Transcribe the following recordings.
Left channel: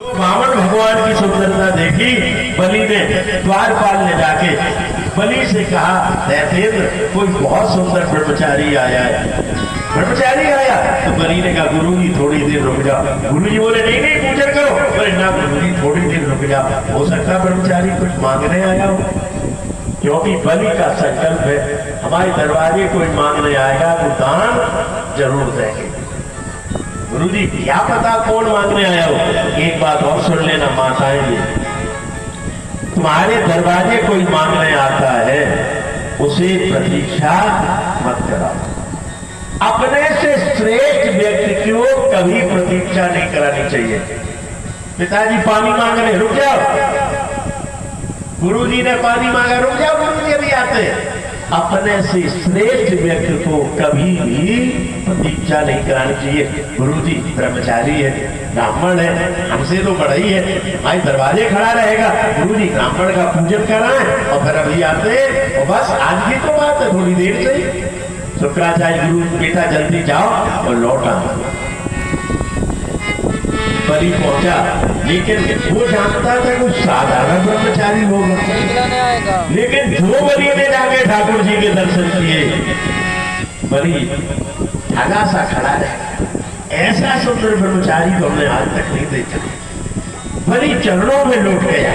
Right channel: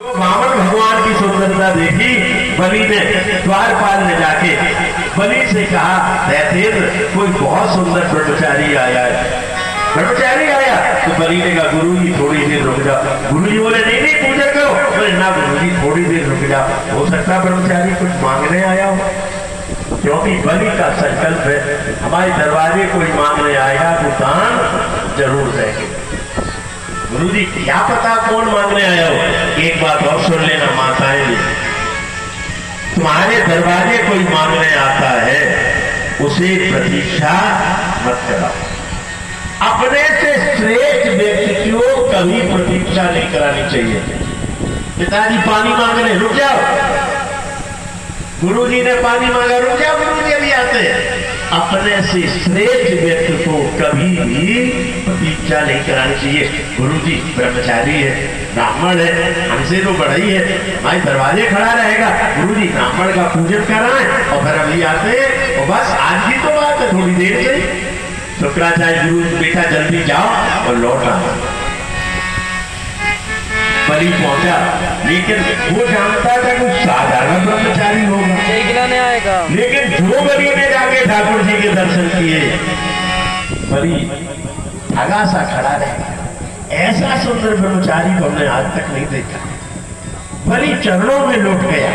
रावण भगवान की सुंदरता देखी, बलि ने द्वारपाल ने जाके बलि से कहा, दैत्येंद्र कोई बहुत सुंदर ब्रह्मचारी आया है। ब्रह्मचारी आया तो बलि ने कहा, गुरु जी थोड़ी देर रुक जाओ। गुरु जी बोले, नहीं नहीं पूजा करो। बोले ना गुरु जी थोड़ी देर रुक जाओ, हो सकता है ब्रह्मचारी कुछ मांगने आया हो, क्योंकि बलि का संकल्प है हमारे दरबारे कोई मांगने आएगा तो दान जरूर देंगे। गुरु जी क्या पता कौन मांगने आया हो। एक बात और सुन लेना माताएं भी, तुम्हारे दरबारे कोई मांगने आता है उसे प्रतीक्षा मत कराओ। अपने से श्रेष्ठ व्यक्ति को कभी प्रतीक्षा नहीं करानी चाहिए। पिताजी पानी मांग रहे, रुक जाओ। गुरु जी ने पानी मांगा, रुक जाओ, गुरु जी अभी आते हैं। अपने से श्रेष्ठ व्यक्ति को कभी भी प्रतीक्षा नहीं करानी चाहिए। गुरु जी ब्रह्मचारी है, ब्राह्मण है, हमसे तो बड़ा ही है, हमारे दरवाजे खड़ा रहेगा। गुरु जी ब्राह्मण का पूजन कराएं और फिर अभी आते हैं और बस आज की तो बात है, थोड़ी देर से। शुक्राचार्य गुरु, बेटा जल्दी जाओ और लौट आओ। बलि पहुंचा, लेकिन वो जानता था कि साधारण ब्रह्मचारी होगा, लेकिन जो बलि ने जाके ठाकुर जी के दर्शन किए, बलि ठगा सा खड़ा रहा। ऐसा सुंदर ब्रह्मचारी तो हमने आज तक नहीं देखा। बलि चरणों में लौट गया,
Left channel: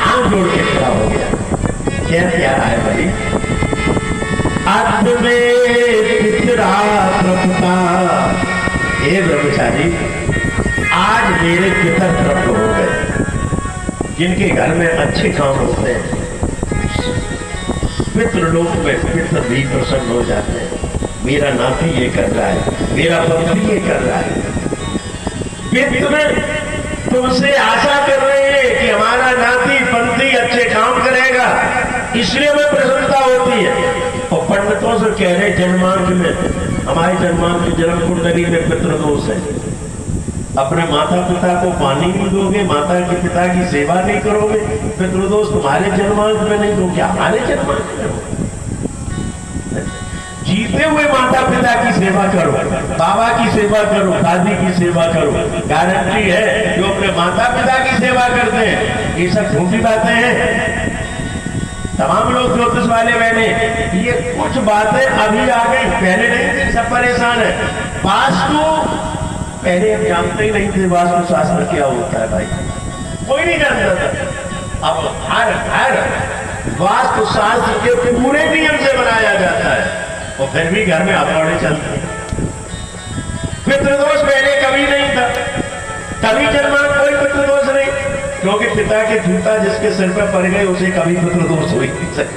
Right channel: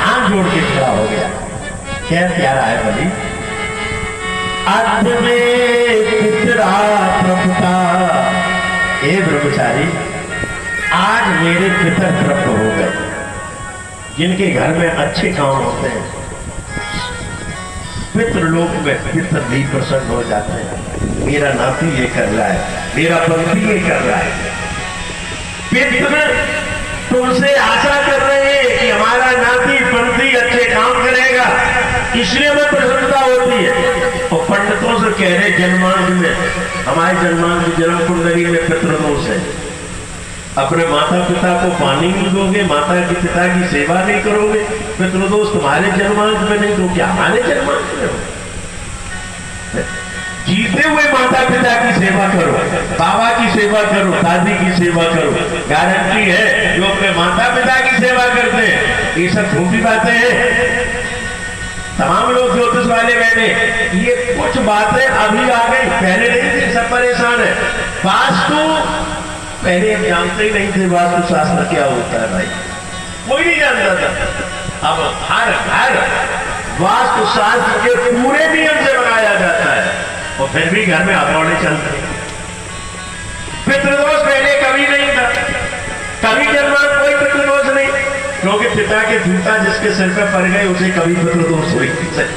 हाथ जोड़ के खड़ा हो गया। क्या प्यारा है बलि। अंत में पितरा प्रभुता, हे ब्रह्मचारी आज मेरे पितर तृप्त हो गए, जिनके घर में अच्छे काम होते हैं पितृलोक में पितर भी प्रसन्न हो जाते हैं। मेरा नाती ये कर रहा है, मेरा पंथी ये कर रहा है। पितर तुमसे आशा कर रहे हैं कि हमारा नाती पंथी अच्छे काम करेगा, इसलिए हमें प्रसन्नता होती है। और पंडितों से कह रहे जन्मांक में, हमारे जन्मांक जन्म कुंडली में पितृदोष है। अपने माता पिता को पानी नहीं दोगे, माता के पिता की सेवा नहीं करोगे, पितृदोष तुम्हारे जन्मांक में नहीं तो क्या हमारे जन्मांक में हो। जीते हुए माता पिता की सेवा करो, बाबा की सेवा करो, दादी की सेवा करो। गारंटी है जो अपने माता पिता की सेवा करते हैं, ये सब झूठी बातें हैं। तमाम लोग ज्योतिष वाले कहने ये कुछ बातें अभी आ गई, पहले नहीं थी, सब परेशान है। वास्तु पहले हम जानते ही नहीं थे वास्तु शास्त्र क्या होता है भाई, कोई नहीं जानता था। अब हर हर वास्तु शास्त्र के पूरे नियम से बनाया जाता है और फिर भी घर में हथौड़े चलते हैं। पितृदोष पहले कभी नहीं था, कभी जन्मांक कोई पितृदोष नहीं, क्योंकि पिता के जूता जिसके सिर पर पड़ गए उसे कभी पितृदोष नहीं।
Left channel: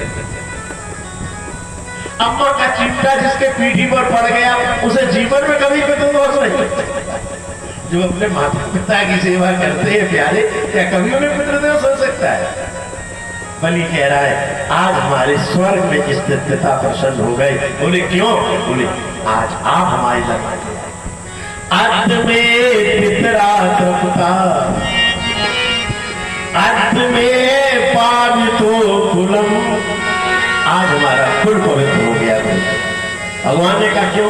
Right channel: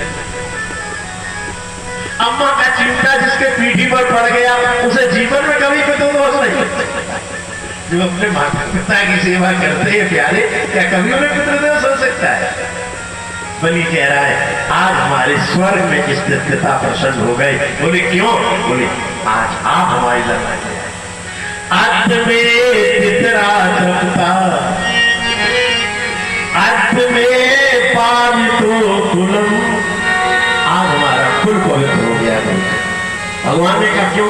अम्मा का चिमटा जिसके पीठी पर पड़ गया उसे जीवन में कभी पितृदोष नहीं। जो अपने माता पिता की सेवा करते हैं प्यारे, क्या कभी उन्हें पितृदोष हो सकता है। बलि कह रहा है आज हमारे स्वर्ग में इस पिता प्रसन्न हो गए। बोले क्यों? बोले आज आप हमारी लड़ाई अंत में पितरा तृप्ता, अंत में पावितो कुलम, आज हमारा कुल पवित्र हो गया। भगवान ने कहा क्यों?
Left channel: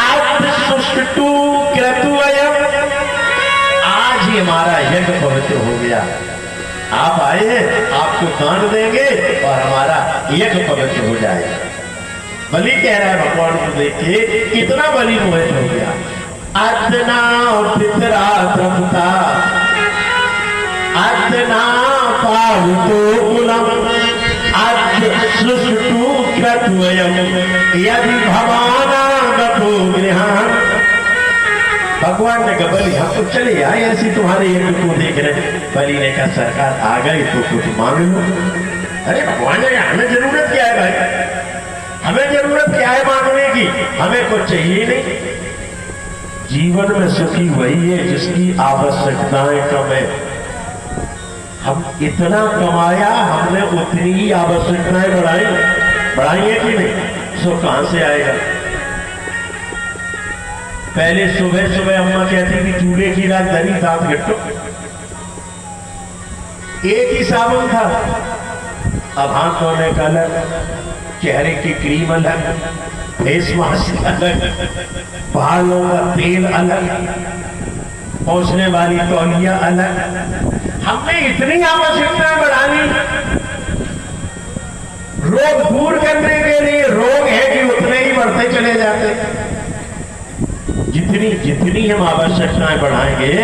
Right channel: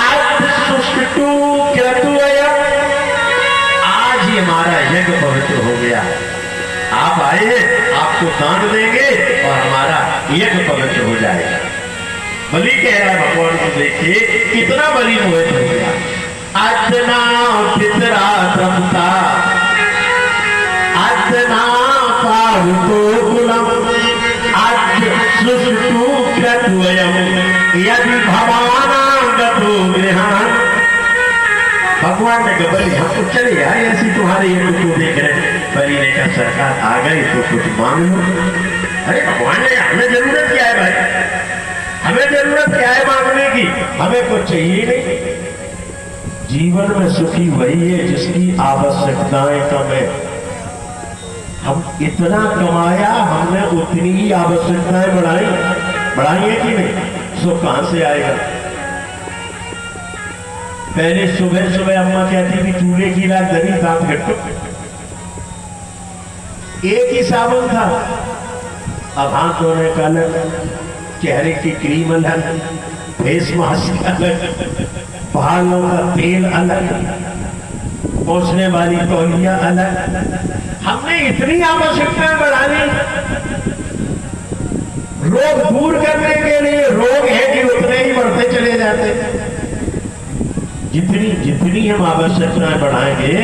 आज सुष्टु क्रतुअयम्, आज ही हमारा यज्ञ पवित्र हो गया। आप आए हैं, आपको दान देंगे और हमारा यज्ञ पवित्र हो जाएगा। बलि कह रहा है भगवान को देखिए कितना बलि मोहित हो गया। अतना पितरा तृप्ता, अतना पावतो कुलम, सुष्टु क्रतुअयम् यदि भवानागतो गृहान्। भगवान ने कहा बलि हम तो चले आए ऐसी तुम्हारे यज्ञ को देख रहे। बलि ने कहा सरकार आ गई तो कुछ मांग लो। अरे भगवान ने हमें जरूरत क्या है भाई, हमें जरूरत क्या है मांगने की, हमें कुछ चाहिए नहीं। जीवन में सुखी वही है जिसकी आवश्यकताएं कम है। हम इतना कमाया, हमने उतनी ही आवश्यकताएं बढ़ाई है कि नहीं? सुख कहां से आएगा? पहले सुबह सुबह अम्मा कहती थी चूल्हे की राख धरी दांत घट्टो, एक ही साबुन था। अब हाथ धोने का अलग, चेहरे की क्रीम अलग, फेस मास्क अलग, बालों का तेल अलग, पहुंचने वाली तौलिया अलग। हमने इतनी आवश्यकताएं बढ़ानी, रोग दूर करने के लिए रोग है कि उतने ही बढ़ते चले जाते। जितनी जितनी हम आवश्यकताएं बढ़ाएंगे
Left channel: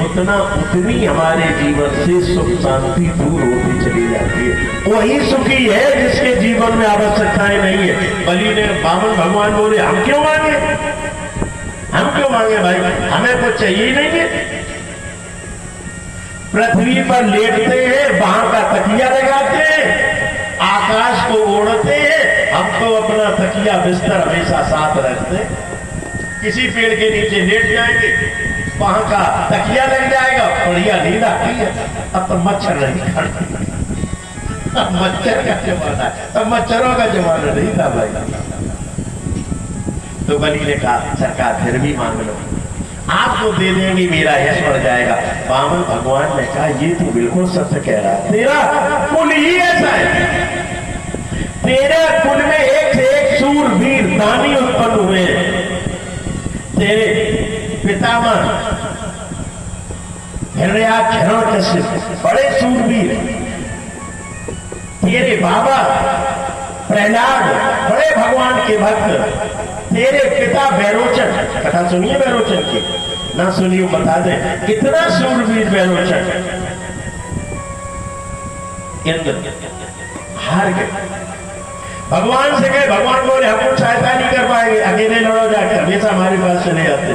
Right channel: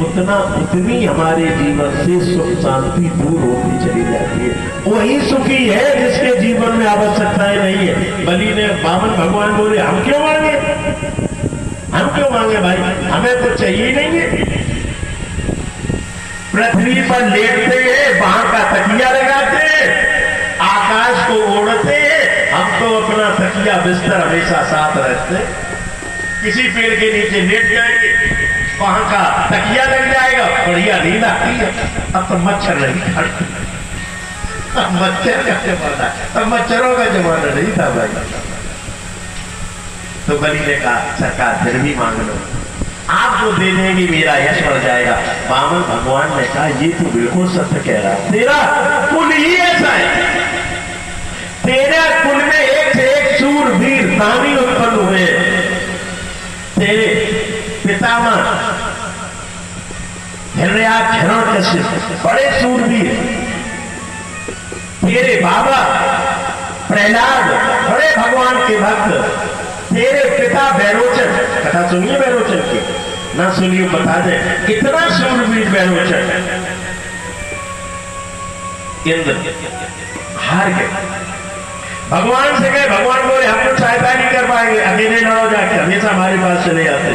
उतनी हमारे जीवन से सुख शांति दूर होती चली जाती है। वही सुखी है जिसके जीवन में आवश्यकताएं नहीं है। बलि ने वामन भगवान बोले हम क्यों मांगे, हम क्यों मांगे भाई, हमें कुछ चाहिए नहीं है। पृथ्वी पर लेटते हैं, बाहर का तकिया लगाते हैं, आकाश को ओढ़ते हैं, हम तो अपना तकिया बिस्तर हमेशा साथ रखते हैं। किसी पेड़ के नीचे लेट जाएंगे, वहां का तकिया लग जाएगा, बढ़िया नींद आती है। अब तो मच्छर नहीं खाते, मच्छर का जमाना, अब मच्छरों का जमाना नहीं था भाई। तो बलि ने कहा सरकार फिर भी मांग लो, आपको दे देंगे, मेरा यश बढ़ जाएगा। वामन भगवान ने कहा ये तो बिल्कुल सत्य कह रहा है, तेरा कुल ही ऐसा है, तेरे कुल में एक से एक सूरवीर दानी उत्पन्न हुए। तेरे पितामह हिरण्याक्ष बड़े सूरवीर, तेरे बाबा प्रहलाद बड़े भगवान के भक्त, तेरे पिता बैरोचन, कथा सुनिए बैरोचन की, ना सुनिए बता दे कितना सूरवीर बैरोचन। इंद्र हार गए, भगवान से गए, भगवान बोले हम कुछ सहायता नहीं कर पाएंगे, अकेले लड़ो जाके, हमेशा हमारे पास चले जाते।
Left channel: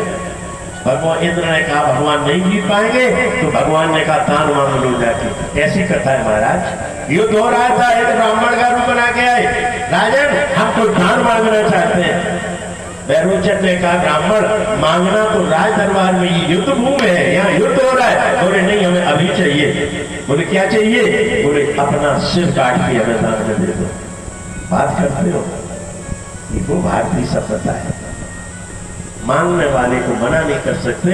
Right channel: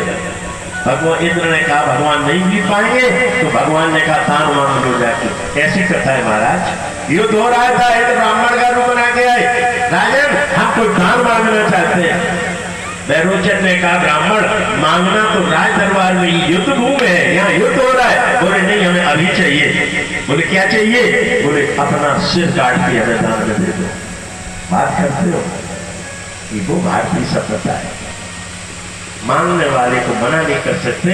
भगवान इंद्र ने कहा भगवान नहीं जीत पाएंगे, तो भगवान ने कहा दान मांग लो जाके। ऐसी कथा है महाराज, युद्ध हो रहा था, एक ब्राह्मण का रूप बना के आए, राजन हम तो दान मांगना चाहते हैं। बैरोचन ने कहा ब्राह्मण मांगना तो राज दरबार में, युद्ध भूमि है, यहाँ युद्ध हो रहा है। बोले नहीं हमें अभी चाहिए। बोले क्या चाहिए? बोले अपना सिर काट के हमें दान में दे दो। बात करते हो, ये वो भारतीय सभ्यता है, मांगने वाले को मना नहीं कर सकते,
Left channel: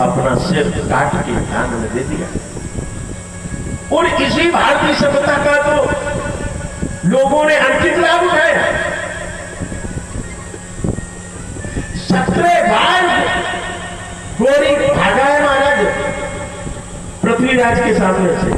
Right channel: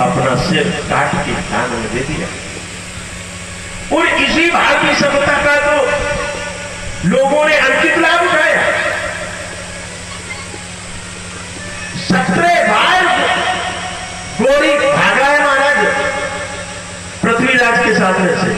अपना सिर काट के दान में दे दिया। और इसी भारतीय सभ्यता का तो लोगों ने अंकित लाभ उठाया। 17 बार गोरी भागा है महाराज पृथ्वीराज के सामने से,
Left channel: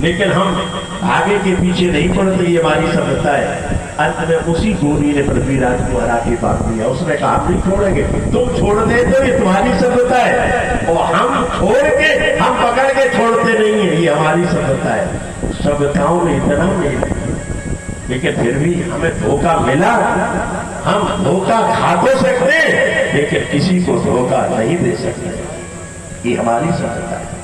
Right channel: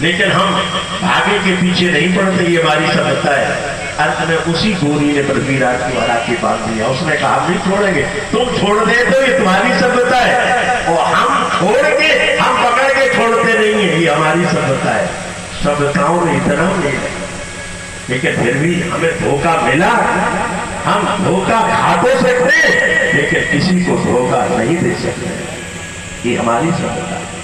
लेकिन हम भागे के पीछे नहीं पड़ते, ये हमारी सभ्यता है। अंत में उसी गोरी ने पृथ्वीराज को हरा के बांध दिया। उसने कहा हम नहीं छोड़ेंगे, तुम छोड़ दे तो ये तुम्हारी सभ्यता है, और हम छोड़ के, हम पकड़ के छोड़ते नहीं है, ये हमारी सभ्यता है। सभ्यताओं में इतना नहीं, लेकिन फिर भी हमें धोखा मिला। हम धोखा खा तो सकते, लेकिन किसी को धोखा नहीं दे सकते, ये हमारी सभ्यता है।